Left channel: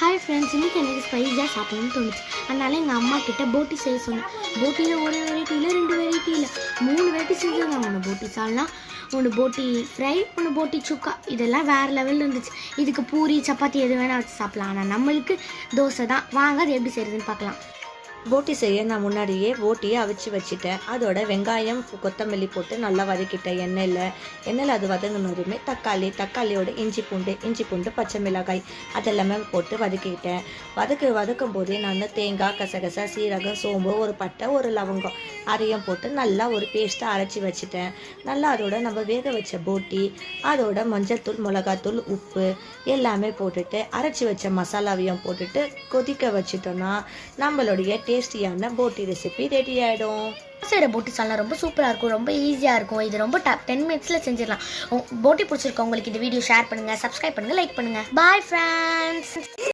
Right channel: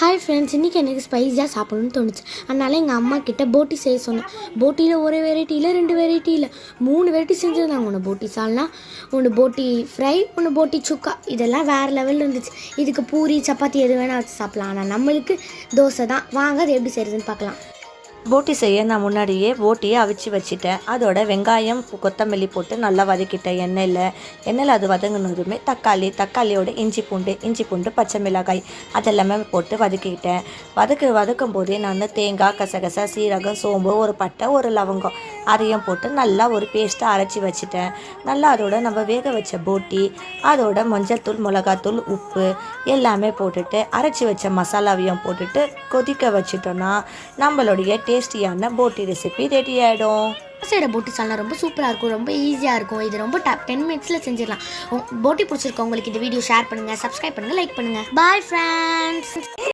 Hi friends, இன்றைக்கி எனக்கு ஸ்பைஸாக சாப்பிடணும்னு தோணுச்சு. அதனால் எங்கள் அம்மா கிட்டே போட்டி செய்ய சொன்னேன். போட்டியில் ஒரு வெரைட்டி இல்லை, 2 வெரைட்டி இல்லை, 3 வெரைட்டி செஞ்சுருந்தாங்க. ஒன்று போட்டி சால்னா, ஒன்று போட்டி ஃப்ரை, ஒன்று போட்டி சுக்கா. இதெல்லாம் வேறு லெவலில் இருந்துச்சு. இதுக்கு பூரி சப்பாத்தி எது வேணால் வச்சு சாப்பிட்லாம். ஆனால் நம்மளுக்கு தோசை தான். வாங்க அது எப்படி செய்கிறதுன்னு பார்க்கலாம். போட்டி செய்ய நான் முன்னாடியே போட்டியை அவிச்சு வச்சுட்டேன். அதோட வெங்காயம் கொத்தமல்லி போட்டு நல்லா வதக்கிட்டேன். எண்ணெயில் அது வதங்கினதுமே தக்காளியோட இஞ்சி பூண்டு பச்சை மிளகாய் அதெல்லாமே போட்டு வதக்கிட்டேன். வதக்கும் போதே நான் தேங்காய், கசகசா, சீரகம், சோம்பு, ஒரு பட்டை, ஒரு லவங்கம் அரையும் போட்டு நல்லா ஒரு பேஸ்ட்டை அரைச்சி வச்சுட்டேன். நல்லா அதோட நம்ம வேக வச்ச போட்டி, அதோட மஞ்சள்தூள், மிளகாத்தூள், உப்பு எல்லாமே போட்டுட்டு அரைச்சி வச்ச மசாலாவையும் போட்டுட்டு கொதிக்க வச்சுட்டோன்னா நம்மளுடைய டேஸ்டியான போட்டி ரெசிபி ரெடி ஆகிடும். செய்கிற போட்டி சால்னா ரொம்ப சூப்பராக இருக்கும், ரொம்ப ஈஸியாக இருக்கும். இது ரொம்ப 10 மினிட்ஸில் செஞ்சிடலாம். போட்டி பிடிச்சிருக்கோம் உங்களுக்கு இந்த வீடியோ ஷேர் பண்ணுங்கள், சப்ஸ்கிரைப் பண்ணுங்கள், லைக் பண்ணுங்கள். Bye friends.